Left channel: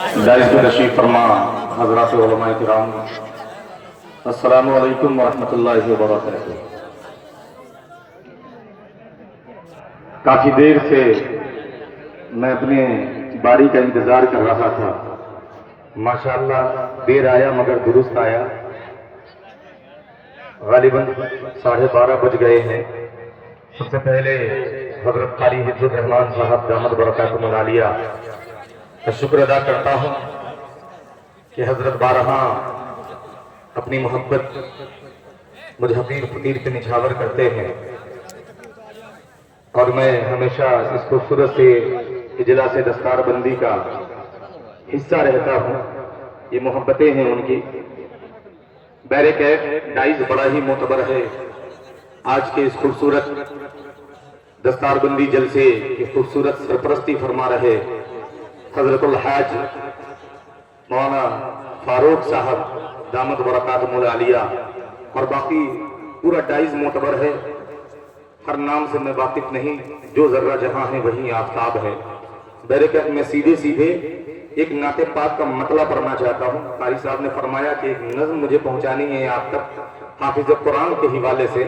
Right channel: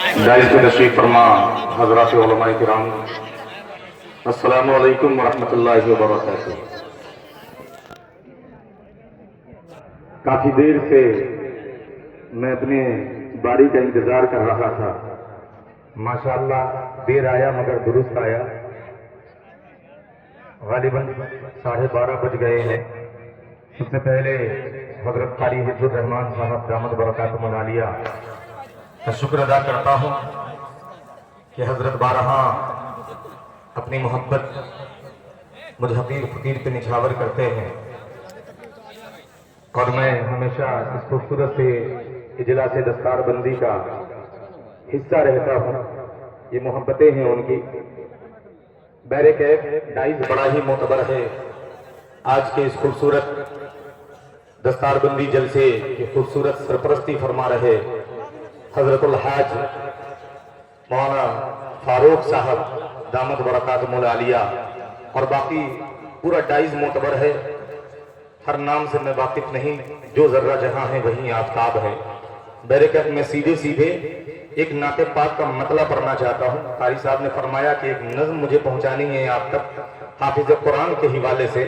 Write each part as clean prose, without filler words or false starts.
داعش کو تشریف فرما حضرات علماء کرام، السلام علیکم ورحمۃ اللہ وبرکاتہ۔ کافی دیر سے میں اپنے باری کا انتظار کر رہا تھا۔ ماشاءاللہ دیر آیا مگر درست آیا۔ غالباً 12:30 بج گئے ہیں۔ سب سے پہلے حضرت قاری حفظ الرحمان صاحب دامت برکاتہم العالیہ کا شکر ادا کرتا ہوں کہ حضرت بارہا اپنی محبت مجھ حقیر فقیر پہ نچھاور کرتے ہیں، اور میں ہمیشہ اس خوبصورت سے اجلاس دستار بندی کا حصہ رہتا ہوں۔ یہ محبتیں ہیں ان کی۔ بہرکیف ڈائز بڑا ہی معتبر ہے۔ آج کے اس خوبصورت دستار بندی جلسے کی خوبصورت سرپرستی فرما رہے حضرت الحاج مولانا فاروق صاحب دامت برکاتہم العالیہ، اور باقی پورا ڈائز معتبر ہے۔ ہر نام سے میں واقف نہیں، جو ذرہ جہاں ہے وہیں آفتاب ہے۔ بہرکیف میں سیدھے ایک نعت پاک کا مطلع پڑھنا چاہتا ہوں۔ قاری صاحب نے فرمایا کہ ایک نظم مجھے پہنچانی ہے آپ تک حافظ قرآن کے حوالے سے،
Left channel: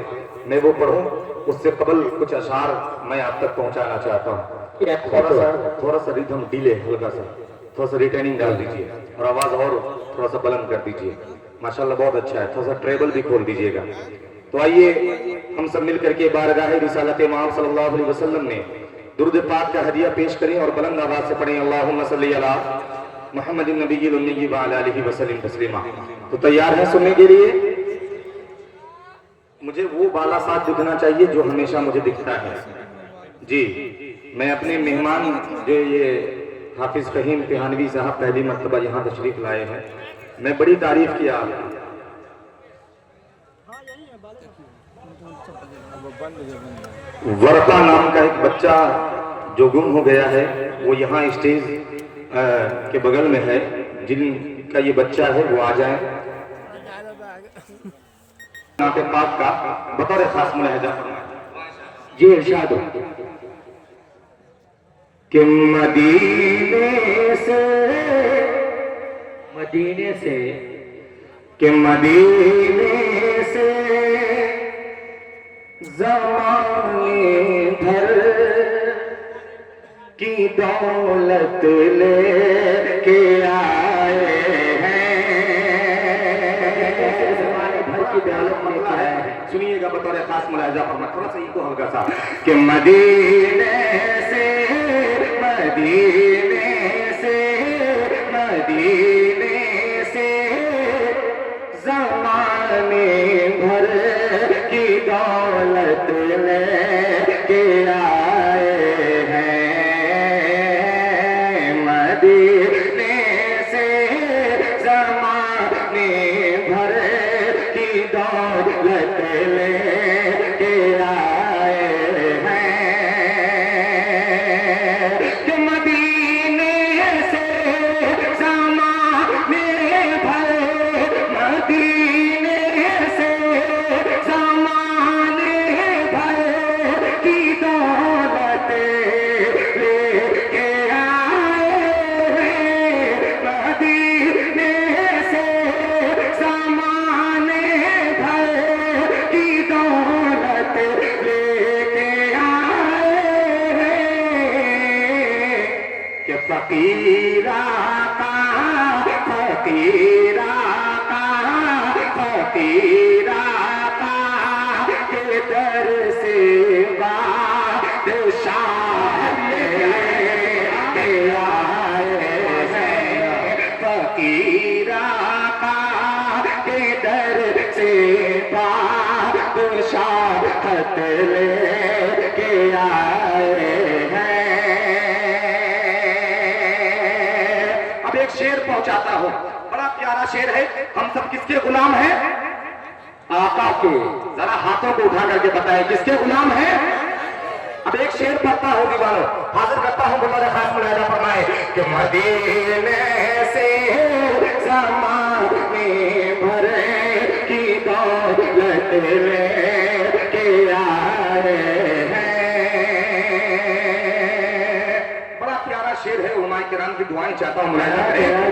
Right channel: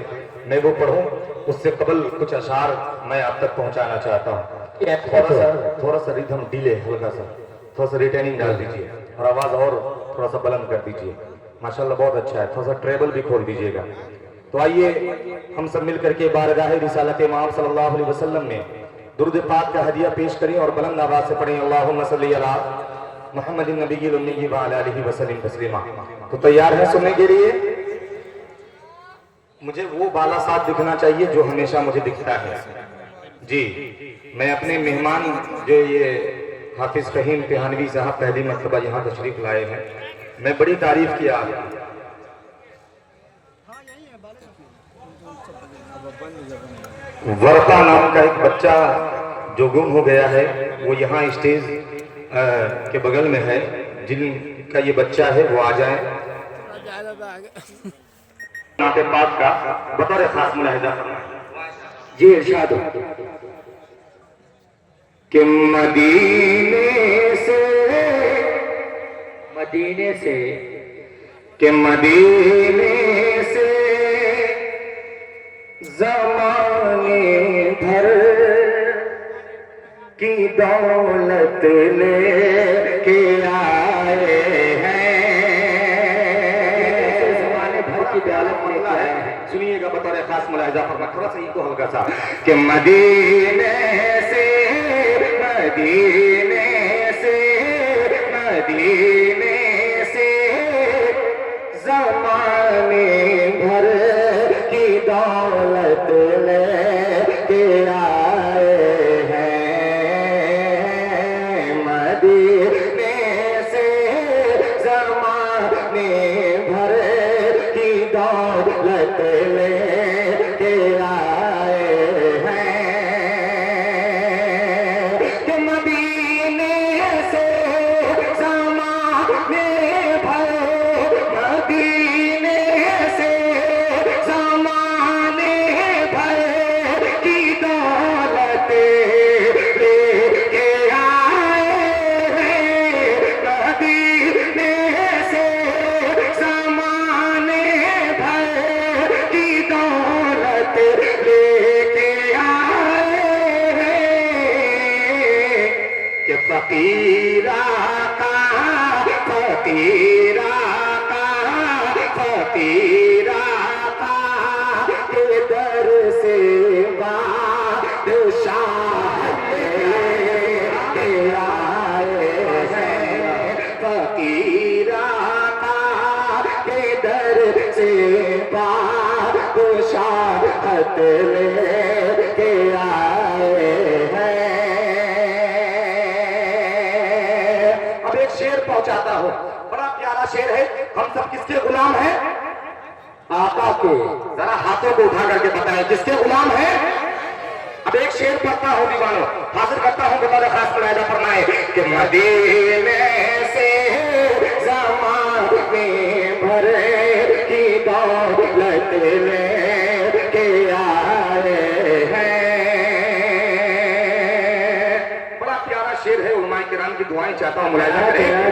میں وہ پڑھوں۔ اس سے قبل کچھ اشعار میں آپ تک پہنچانا چاہتا ہوں۔ تھوڑا سا ریدھم ڈیلے، ہلکا سا تھوڑا سا ریٹیننگ ڈال دیجئے، اور آواز اور تھوڑا سا بلند کر دیجئے۔ ماشاءاللہ بہت اچھا ہے، تھوڑا سا ٹریبل بھی کھول دیجئے گا۔ تو آئیے ہم سب مل کر کے بارگاہ رسالت امام صلی اللہ علیہ وسلم نے درود پاک کا ہدیہ پیش کریں اور بلند آواز سے پڑھیں اللہم صلی علی محمد النبی الامی وعلی آلہ وسلم تسلیما۔ تو تیار ہیں سننے کے لیے؟ مجھے وہ بالا ساتھ دکھنا چاہیے جو ہمیشہ مجھے دکھتا ہے۔ جی میں اپنے مہمان جو یہ حافظ فہیم تہانوی صاحب پہلی مرتبہ یہاں تشریف لائے ہیں، میں بڑی تعریف کیا۔ ورقہ نام کا ایک بچہ جو گم ہو گیا ہے، وہ یہاں اسٹیج کے بغل میں ہے۔ جن کا یہ بچہ ہے وہ آ جائیں۔ نعت پاک کا بطور خاص ملاحظہ فرمائیں۔ یہ ارشاد ہو کہ مدینے سے زمانے بھر کی دولت لے کے آئے ہیں، زمانے بھر کی دولت لے کے آئے ہیں۔ سنیے گا بطور خاص ملاحظہ فرمائیں، تھوڑا سا یہ کو ہلکا سا کہ مدینے سے زمانے بھر کی دولت لے کے آئے ہیں، مدینے سے زمانے بھر کی دولت لے کے آئے ہیں، کہ مدینے سے زمانے بھر، مدینے سے زمانے بھر کی دولت لے کے آئے ہیں، مدینے سے زمانے بھر کی دولت لے کے آئے ہیں، کہ فقیر آقا کے در سے بادشاہ لے کے آئے ہیں، فقیر آقا کے در سے بادشاہت لے کے آئے ہیں۔ اب ایک شعر پہنچاتا ہوں، بڑا پیارا شعر ہے۔ ہم سب کس کے غلام ہیں؟ آقا کے۔ ذرا ہاتھوں کو اٹھا کر کے بتائیں کس کے غلام ہیں؟ اب ایک شعر پڑھتا ہوں دیوانوں، حاضر کرتا ہوں بطور خاص ملاحظہ فرمائے کہ مدینے سے زمانے بھر کی دولت لے کے آئے ہیں۔ بڑا پیارا شعر ہے، علماء کرام کی دعائیں چاہتا دفعہ ملاحظہ کریں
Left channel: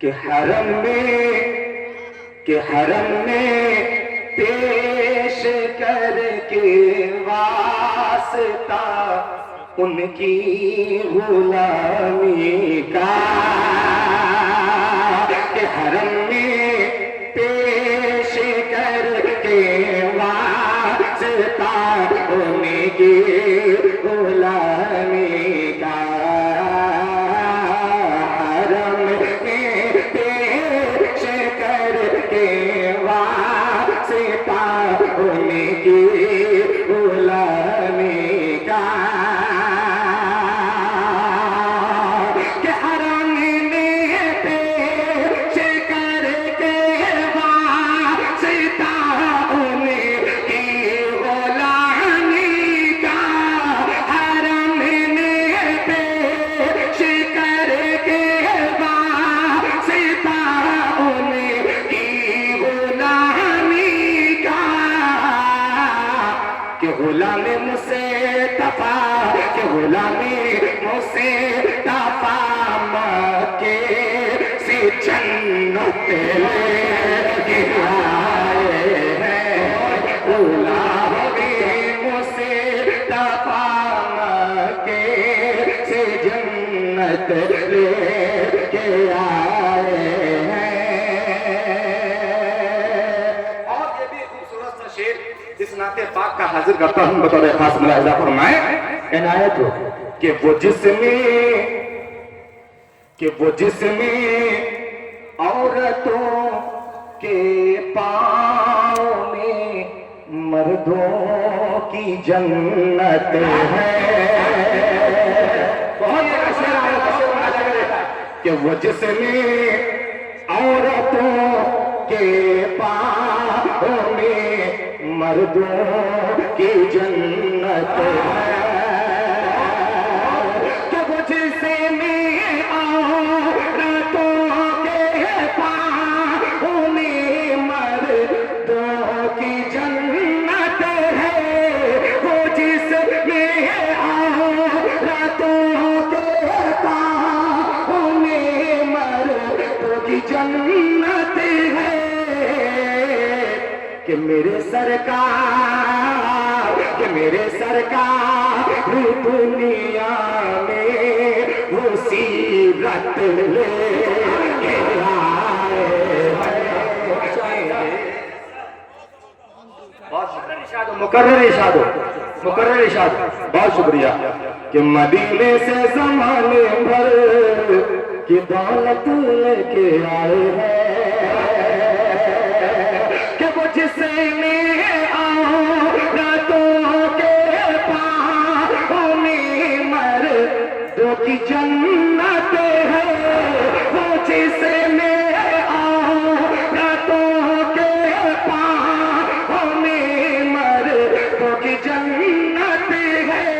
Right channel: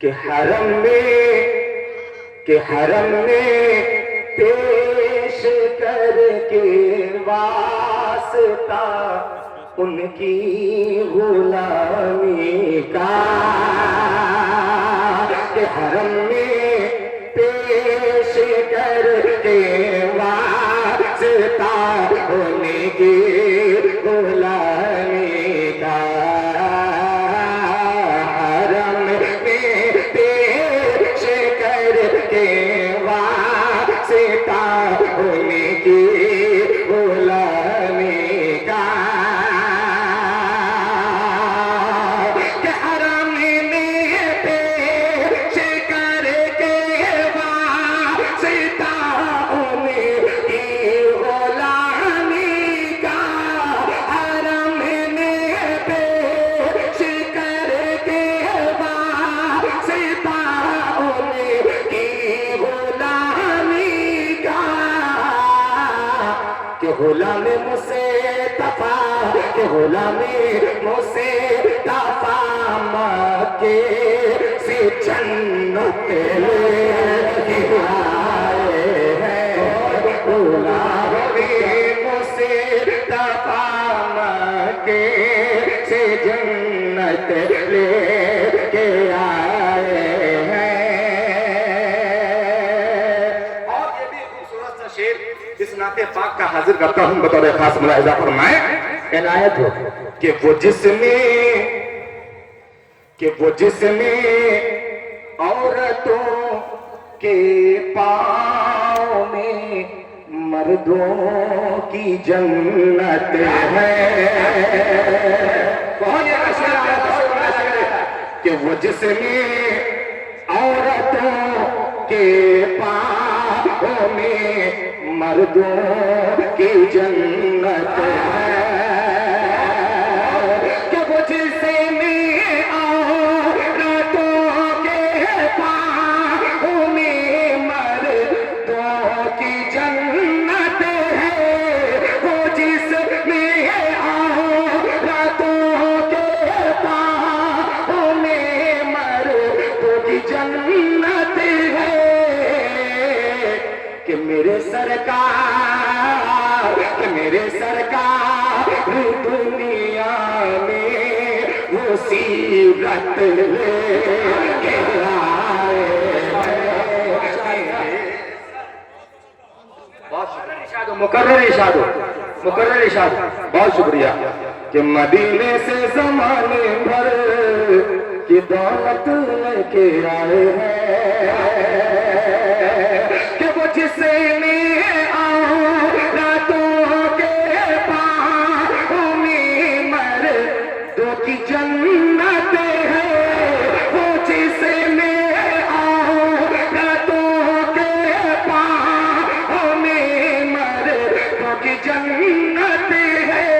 کہ حرم میں پیش کر کے واسطہ ان کی غلامی کا، کہ حرم میں پیش کر کے واسطہ ان کی غلامی کا، حرم میں پیش کر کے واسطہ ان کی غلامی کا، کہ حرم میں پیش کر کے واسطہ ان کی غلامی کا، حرم میں پیش کر کے واسطہ ان کی غلامی کا، کہ غلام مصطفیٰ، کہ غلام مصطفیٰ مکے سے جنت لے کے آئے ہیں، غلام مصطفیٰ مکے سے جنت لے کے آئے ہیں۔ اور یہ بھی خوبصورت سا شعر اس نعت پاک کا حاضر کرتا ہوں، بطور خاص ملاحظہ فرمائیں عنایت ہو کہ وہ جس میں عورتوں کے پاؤں میں مردوں کی جنت ہے، کہ وہ جس میں عورتوں کے پاؤں میں مردوں کی جنت ہے، کہ وہ جس میں عورتوں کے پاؤں میں مردوں کی جنت ہے، وہ جس میں عورتوں کے پاؤں میں مردوں کی جنت ہے، کہ میرے سرکار دنیا میں وہ سیرت لے کے آئے ہیں۔ مکرر ارشاد، بہت شکریہ، کہ مدینے سے زمانے بھر کی دولت لے کے آئے ہیں، کہ وہ جس میں عورتوں کے پاؤں میں مردوں کی جنت ہے، وہ جس میں عورتوں کے پاؤں میں مردوں کی جنت ہے،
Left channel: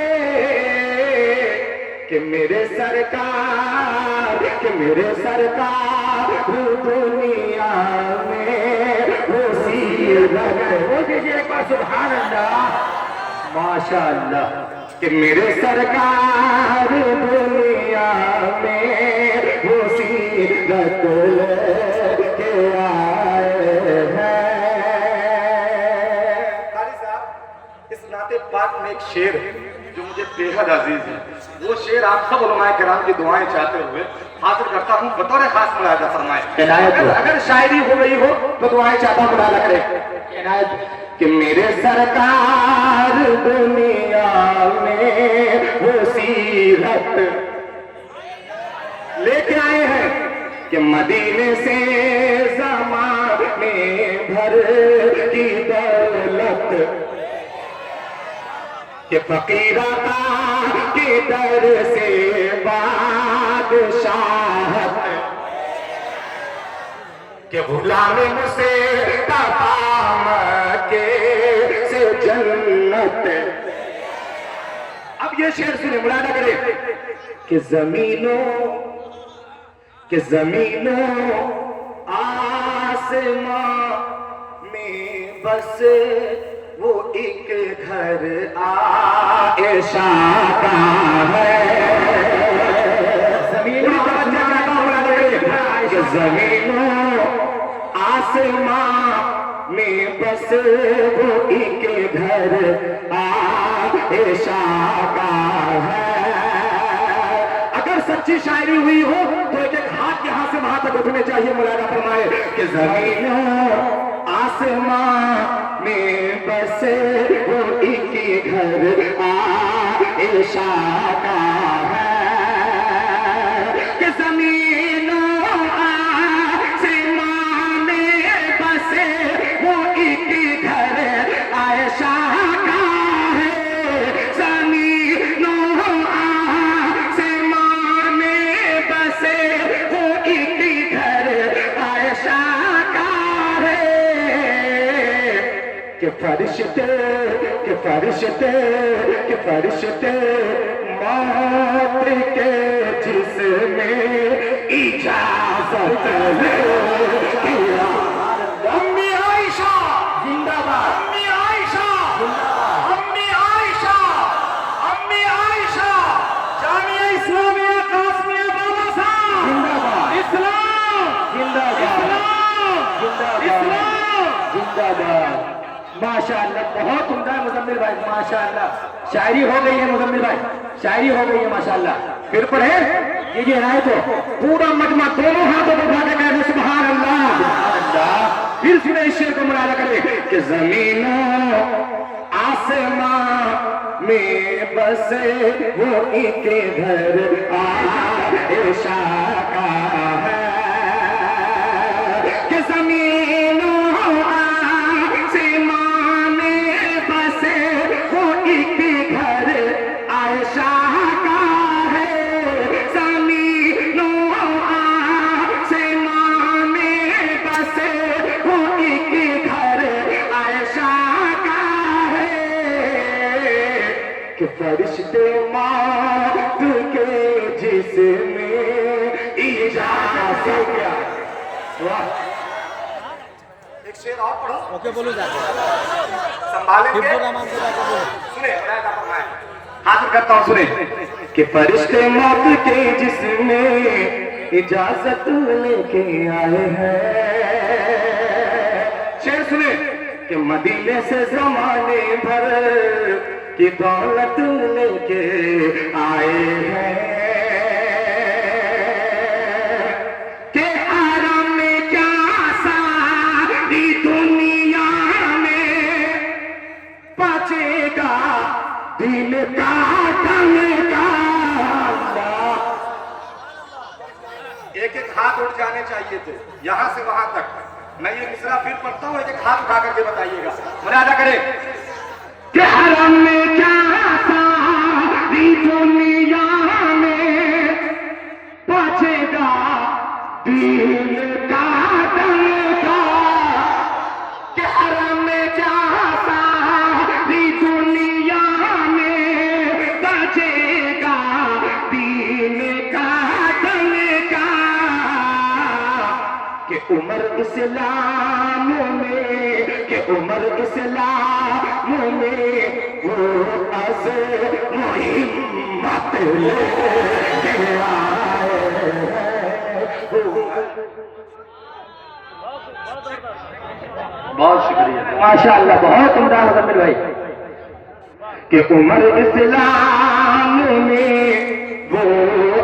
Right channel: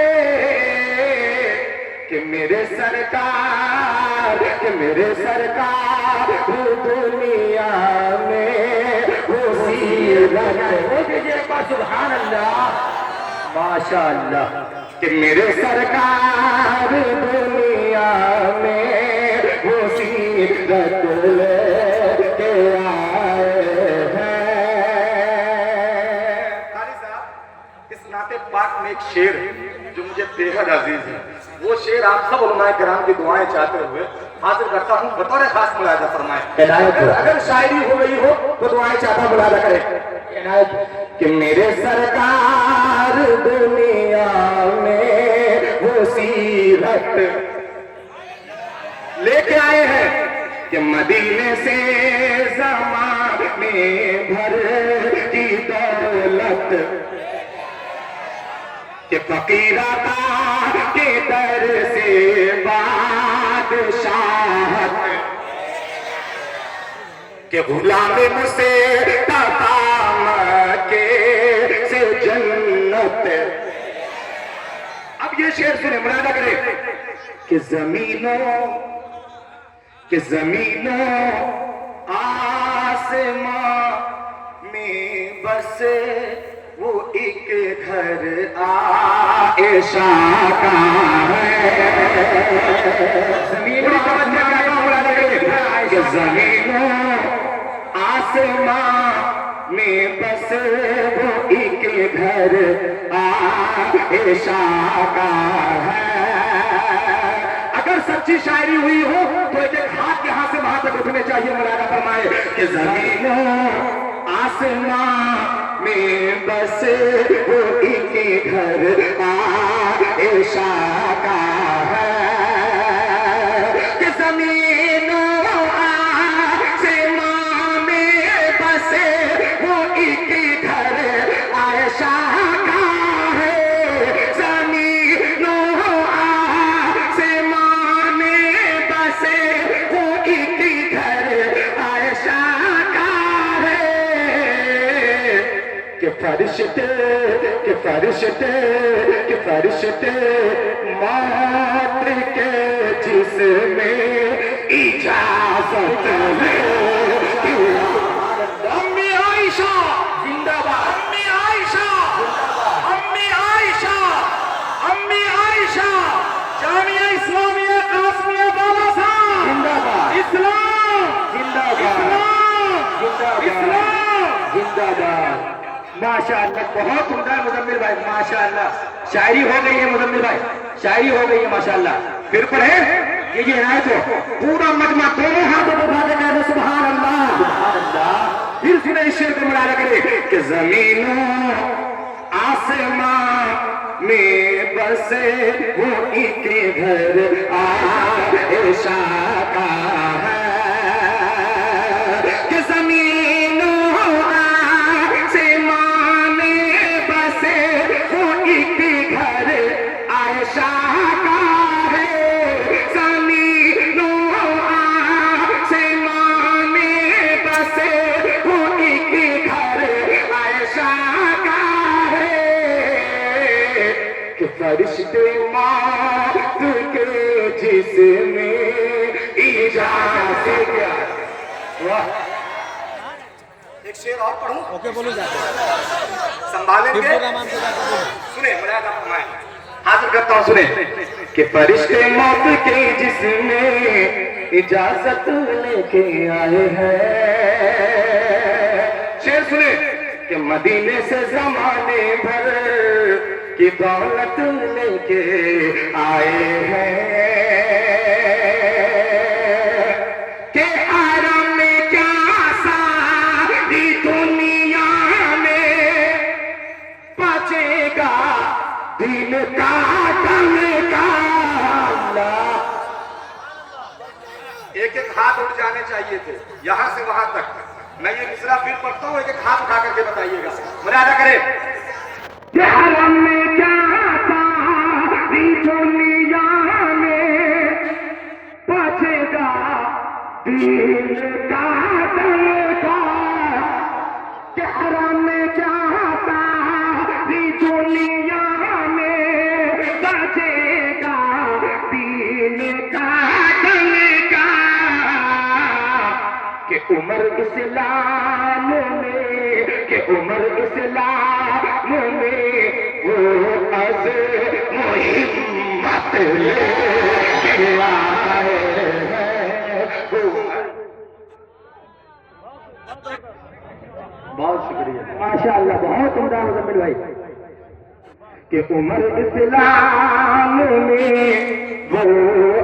کہ میرے سرکار دنیا میں وہ سیرت، سبحان اللہ، ماشاء اللہ، کہ میرے سرکار دنیا میں وہ سیرت لے کے آئے ہیں۔ قاری صاحب، اس نعت پاک میں ایک شعر ہے جو مجھے بے حد عزیز ہے، وہ شعر آپ سب علماء کرام کی دعائیں چاہتے ہوئے حاضر کرتا ہوں، بطور خاص ملاحظہ فرمائیں، اگر شاعری ہو رہی ہو تو دعائیں چاہتا ملاحظہ کریں کہ میرے سرکار دنیا میں وہ سیرت لے کے آئے ہیں، کہ مدینے سے زمانے بھر کی دولت، کہ فقیر عطا کے در سے بادشاہت، کہ غلام مصطفیٰ مکے سے جنت۔ اب یہ شعر سنیں، ملاحظہ کریں کہ زمینوں آسمان میں بس وہ ایک گھر عائشہ کا ہے زمین و آسمان میں بس وہ ایک گھر عائشہ کا ہے اگر سچی شاعری ہوئی ہو تو ایک ہاتھ یہاں سے وہاں تک اٹھنے چاہیے مولانا فرمائے کہ زمین و آسمان میں بس وہ ایک گھر عائشہ کا ہے کہ زمین و آسمان میں بس وہ ایک گھر عائشہ کا ہے زمین و آسمان میں بس وہ ایک گھر عائشہ کا ہے کہ فرشتے موت کے جسم میں اجازت ہے امی عائشہ زندہ باد امی عائشہ امی عائشہ امی عائشہ جامعہ اسلامیہ قاسمیہ بالا صاحب زندہ باد اسلام زندہ باد اسلام زندہ باد ماشاءاللہ بہت عمدہ مزمل بھائی ماشاءاللہ شاعری ہو گئی ہے مزمل بھائی شاعری ہو گئی ہے ماشاءاللہ پھر پڑھیں یہ عنایت ہو پورا مجمع دونوں ہاتھوں کو اٹھا کے کہتے سبحان اللہ پھر سنے اس شعر کو مراجعہ کرے کہ زمین و آسمان میں بسے وہ ایک گھر عائشہ کا ہے کہ زمین و آسمان میں بسے وہ ایک گھر عائشہ کا ہے زمین و آسمان میں بسے وہ ایک گھر عائشہ کا ہے کہ فرشتے موت کے جسم میں اجازت ہو گیا ایک شعر اور پڑھوں اوکے بولو جاتے سنبھالیں گے سنیں مراجعہ فرمائیں حاضر کرتا ہوں سنیں کہ فرشتے موت کے جسم میں اجازت لے کے آئے ہیں شعر سنیں کہ مدینے سے زمانے بھر کی دولت لے کے آئے ہیں کہ حرم میں کیا ساری دنیا میں بچے گا دل کا دم کا اللہ ایک ایک ہاتھ اٹھ جانے چاہیے تھے یہاں سے وہاں تک میں یہ مصرع پھر پڑھتا ہوں ایک ایک ہاتھ اٹھا کر کے بتائیے گا مراجعہ کریں کہ حرم میں کیا ساری دنیا میں بچے گا دل کا دل کا کہ حرم میں کیا ساری دنیا میں بچے گا دل کا دل کا کہ عمر اسلام میں کہ عمر اسلام میں وہ از محمت لے کے آئے ہیں بہت شکریہ ماشاءاللہ بہت عمدہ مزمل بھائی کہ عمر اسلام میں وہ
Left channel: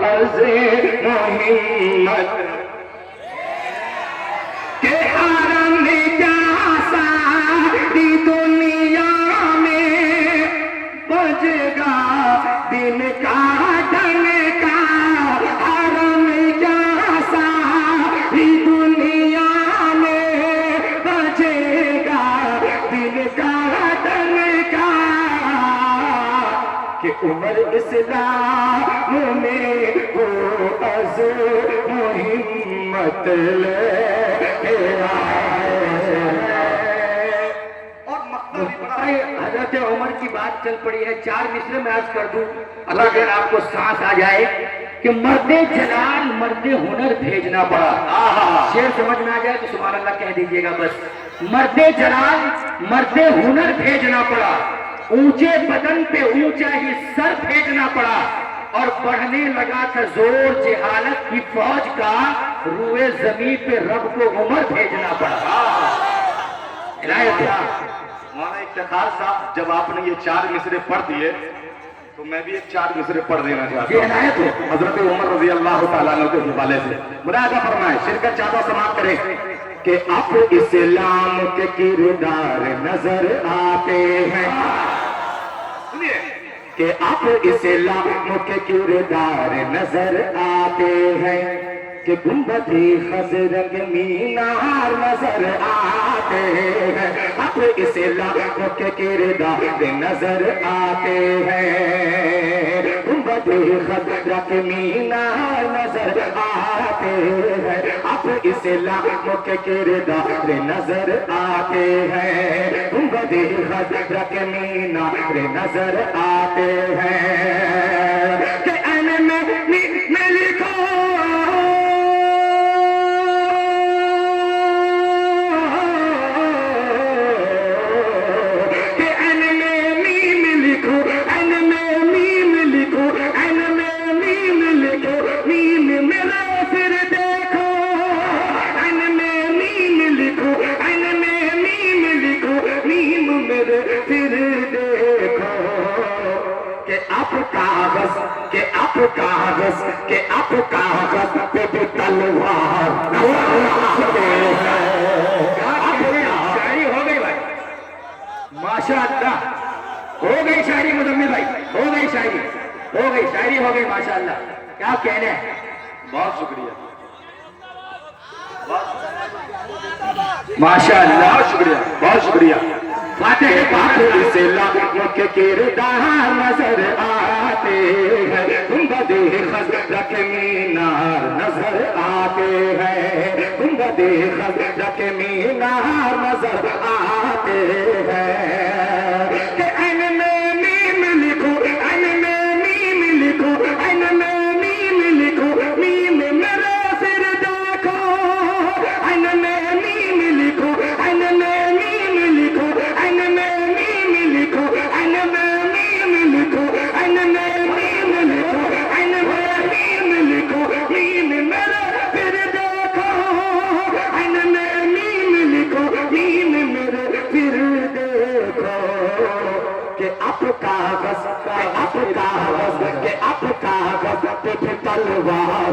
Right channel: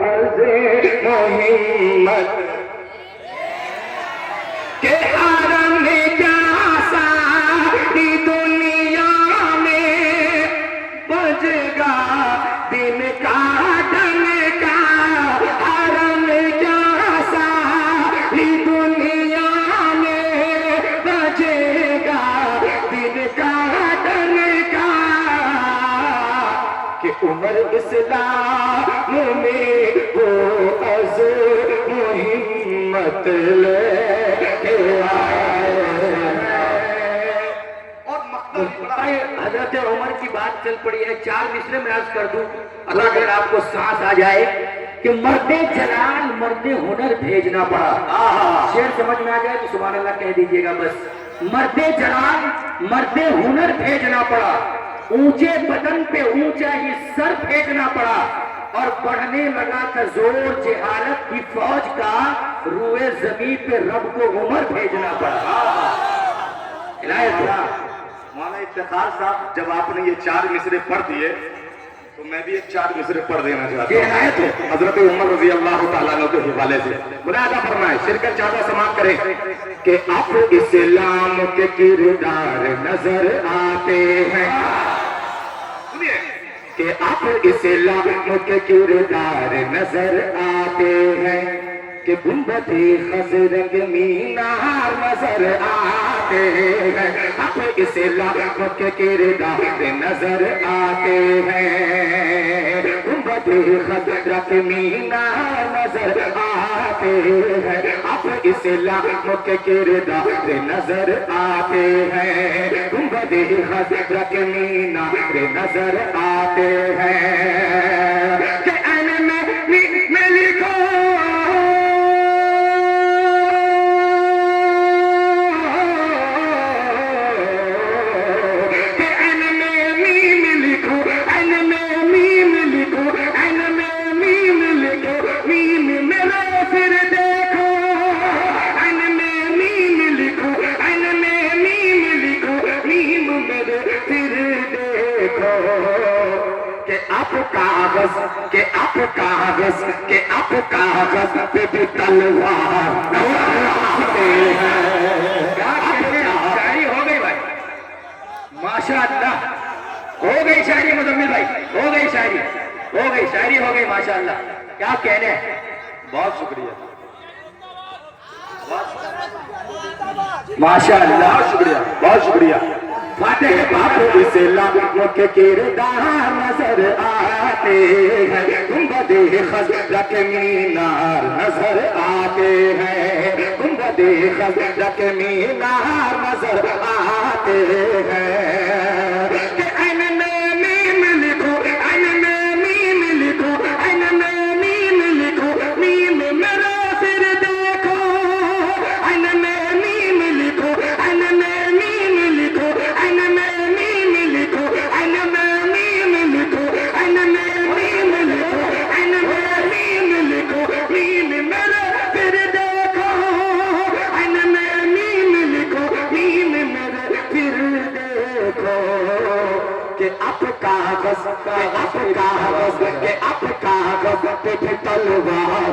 از محمت کہ حرم میں کیا ساری دنیا میں بجے گا دل کا دل کا حرم میں کیا ساری دنیا میں بجے گا دل کا دل کا کہ عمر اسلام میں وہ از محمت لے حضرت عمر کی بات چل پڑی ہے چار مصرے میں عرض کر دوں اللہ اگر آپ کو سانس آ جائے کہ مرد جلال مرد ہنر بھیجنا پڑا. شعر سمجھ میں آ جائے تو سبحان اللہ کہہ دیجئے گا بس. مرد جلال مرد ہنر بھیجنا پڑا, اونچے بدن پہ اونچا ہی سر پھینکنا پڑا, اور بڑھنے لگا تھا زور جہالت کی فوج کا, روئے زمین پہ رب کو عمر بھیجنا پڑا. مولانا افتخار صاحب جب آپ نے یہ 4 مصرے پڑھ دیے تو میں بھی ایک 4 مصرے پڑھ دینا چاہتا ہوں حضرت عمر رضی اللہ تعالیٰ عنہ کے حوالے سے. مرادا فرمائے شرکت چاہتا سماعت کریں کہ اب اسلام کے کردار نظر آتے ہیں, کہ اب اسلام کے کردار نظر آتے ہیں, کہ گنبد خضر مینار نظر آتے ہیں, اب اسلام کے کردار نظر آتے ہیں, گنبد خضر کے مینار نظر آتے ہیں, اب اسلام کے کردار نظر آتے ہیں, گنبد خضر کے مینار نظر آتے ہیں, کہ این میں لکھو کہ اب کاغذ پہ بھی تلوار اٹھتے ہیں. شاعری ہو گئی بھائی, ماشاء اللہ ہو گئی شاعری. مزمل بھائی ہو گئی شاعری, ہو گئی شاعری, ہو گئی ماشاء اللہ. کیا کہنے ہیں, بہت شکریہ, ماشاء اللہ, بہت شکریہ, بہت شکریہ. فاتح پاک اسلام کے کردار نظر آتے ہیں, گنبد خضر کے مینار نظر آتے ہیں, گنبد خضر کے مینار نظر آتے ہیں, کہ این میں میم لکھو, این میں میم لکھو, این میں میم لکھو, میم میرا پھر دیکھو, این میں میم لکھو, این میں میم لکھو, این میں میم لکھو, این میں میم لکھو, این میں میم لکھو, این میں میم لکھو, میم میرا پھر دیکھو, این میں میم لکھو, میم میرے پھر دیکھو, کہ اب کاغذ کہ اب کاغذ پہ بھی تلوار.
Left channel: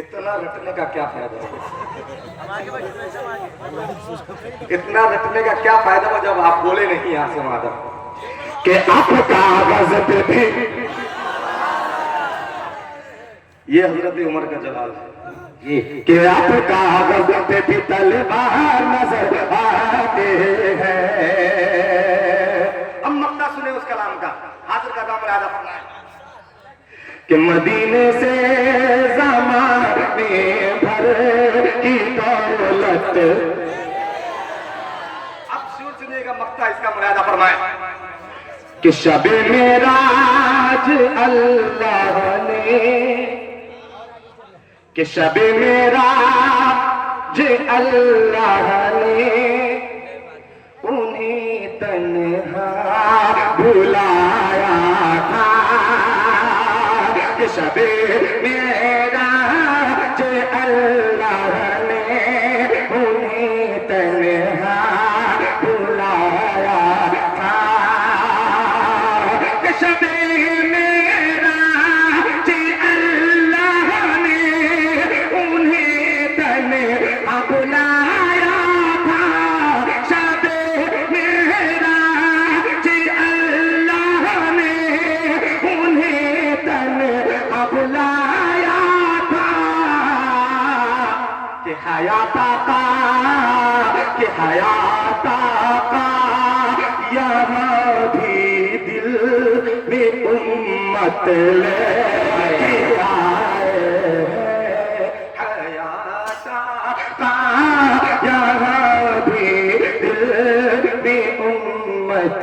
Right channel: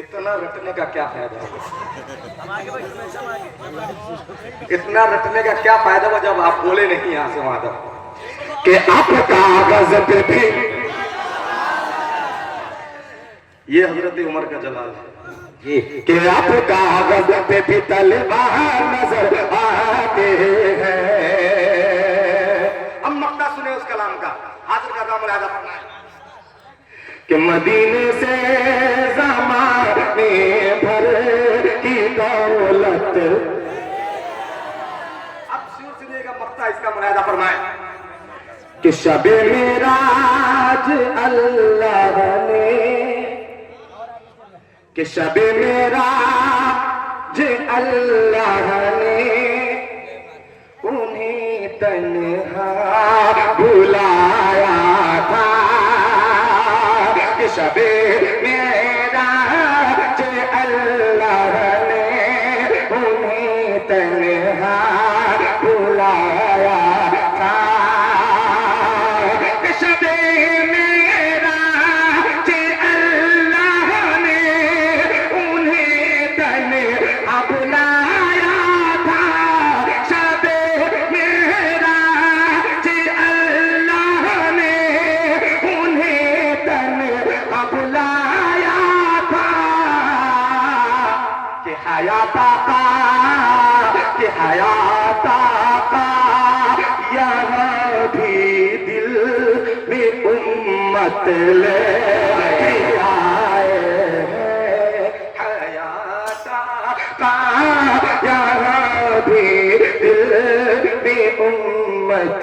اتنا رٹنے کا کیا فائدہ ہے, اتنا رٹنے کا کیا فائدہ ہوا جب آپ بولے نہیں یہاں سے وہاں تک, کہ اب کاغذ پہ بھی. یہ حضرت عمر کا جلال ہے, کہ اب کاغذ پہ بھی تلوار نظر آتے ہیں. اب مقطع سنیں اس کلام کا, حاضر کا نام یاد رکھنا ہے, کہ مدینے سے زمانے بھر کی دولت. اب شور سنیے گا مقطع, اس کا ملاحظہ فرمائیں, کہ شب معراج اللہ نے, کہ شب معراج اللہ نے انہیں تنہا بلایا تھا, کہ شب معراج اللہ نے انہیں تنہا بلایا تھا, کہ شب معراج اللہ نے انہیں تنہا بلایا تھا, شب معراج اللہ نے انہیں تنہا بلایا تھا, کہ حیات آقا, کہ حیات آقا یہاں بھی دل میں امت لے آئے ہیں, حیات آقا یہاں بھی دل میں امت.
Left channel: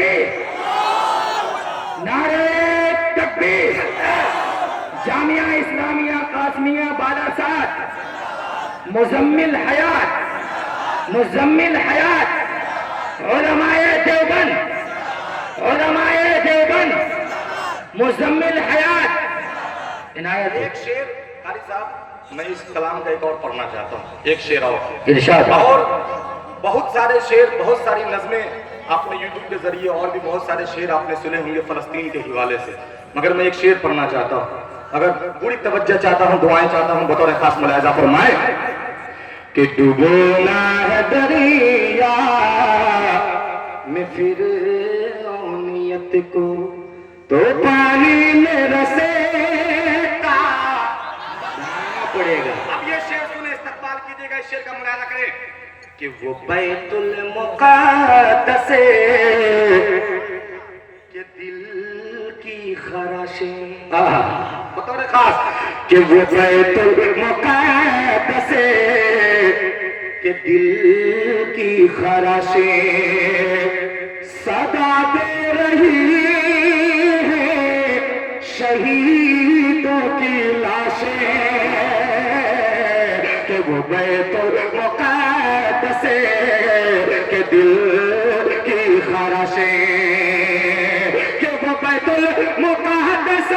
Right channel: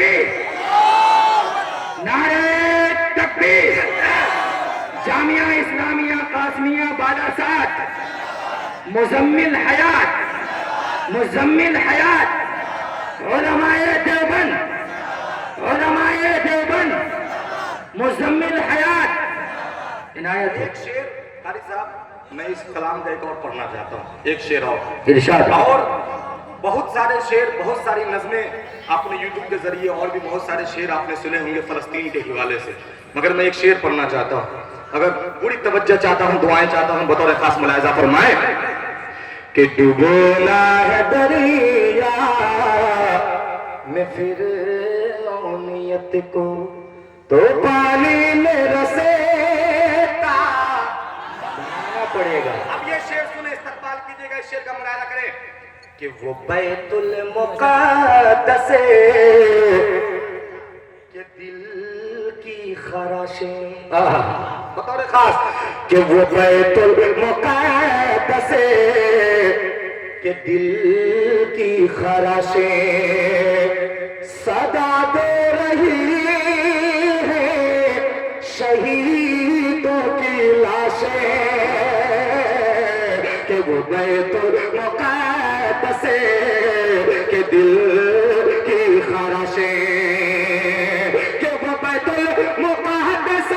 تکبیر نعرہ تکبیر جامعہ اسلامیہ قاسمیہ بالاسات مزمل حیات علماء دیوبند مزمل حیات عنایت ایک شعر قاری صاحب میں اس کلام کا ایک اور پڑھنا چاہتا ہوں، ایک شعر اور ارشاد اور بہت سارے شعر، بہت ساری نظمیں آپ نے یوٹیوب کے ذریعے اور بھی بہت سارے شعر آپ نے سنے ہوں گے فلسطین کے حوالے سے، مگر میں ایک شعر پڑھنا چاہتا ہوں، اگر پوری توجہ چاہتا ہوں، دعائیں چاہتا ہوں، بطور خاص ملاحظہ فرمائے کہ ڈوبونا ہے دریا میں فرعونیت کو تو پانی میں رسیتا بنانا پڑے گا۔ اب یہ شعر سنیں، استقبال کیجئے گا، اس شعر کا مطالعہ کریں کہ وہ بیت المقدس کے دل کی خراشیں بطور خاص کہ وہ بیت المقدس کے دل کی خراشیں صدا دے رہی ہے شہیدوں کی لاشیں کہ وہ بیت المقدس کے دل کی خراشیں کہ وہ بیت المقدس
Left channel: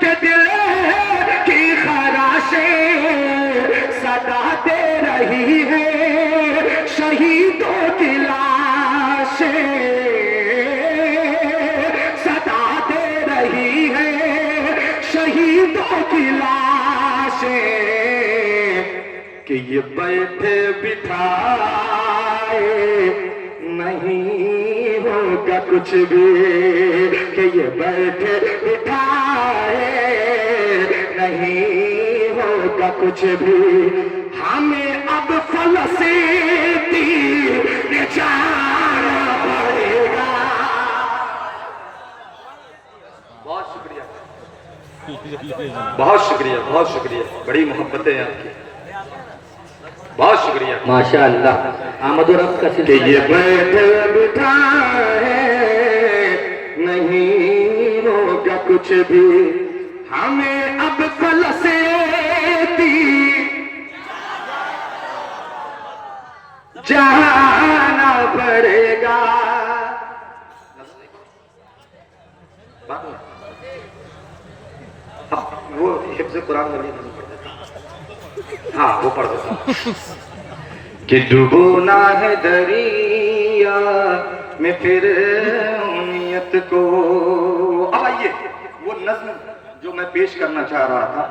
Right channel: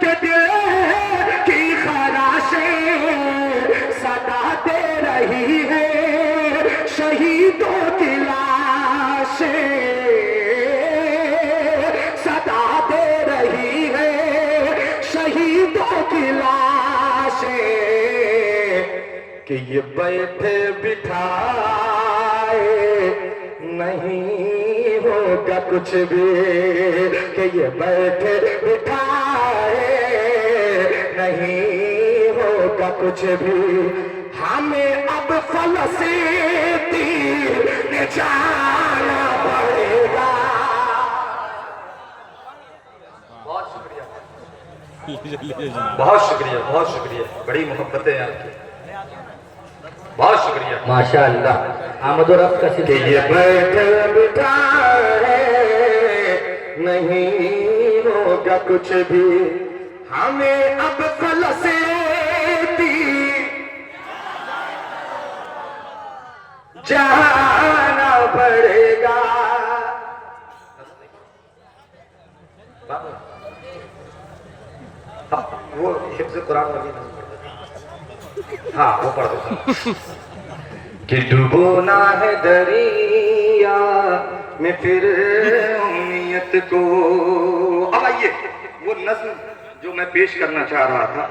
کے دل کی خراشیں صدا دے رہی ہے شہیدوں کی لاشیں صدا دے رہی ہے شہیدوں کی لاشیں کہ یہ بیٹھے بٹھائے نہیں ہوگا کچھ بھی کہ یہ بیٹھے بٹھائے نہیں ہوگا کچھ بھی ہمیں اب فلسطین جانا پڑے گا۔ بہت شکریہ، بہت شکریہ، بہت شکریہ، بڑی محبتیں ہیں آپ کی، بہت شکریہ ماشاءاللہ آمد و رفت کا کہ یہ بیٹھے بٹھائے نہیں ہوگا کچھ بھی ہمیں اب فلسطین جانا پڑے گا۔ وہ حفظ قرآن والی نہیں پڑھ دیتا، ہاں وہ پڑھ دیتا کہ ڈوبونا ہے دریا میں فرعونیت کو۔ اب آئیے وہ نظم جو میں پیش کرنا چاہ رہا تھا